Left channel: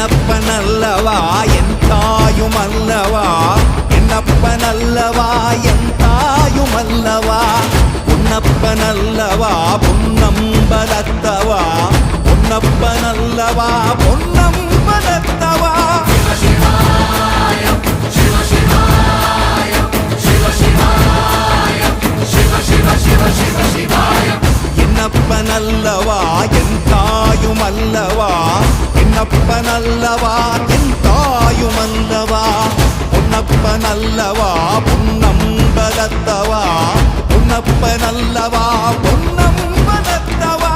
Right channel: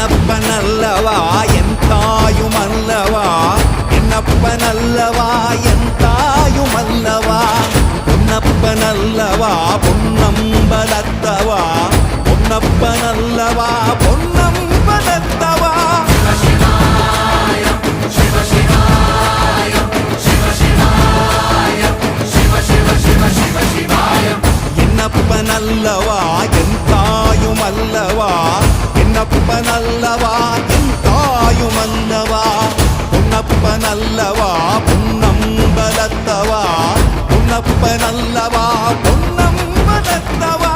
என்னப்பனல்லவா என் தாயுமல்லவா, என்னப்பனல்லவா என் தாயுமல்லவா, பொன்னப்பனல்லவா பொன்னம்பலத்தவா, பொன்னப்பனல்லவா பொன்னம்பலத்தவா. என்னப்பனல்லவா என் தாயுமல்லவா, என்னப்பனல்லவா என் தாயுமல்லவா, பொன்னப்பனல்லவா பொன்னம்பலத்தவா, பொன்னப்பனல்லவா பொன்னம்பலத்தவா.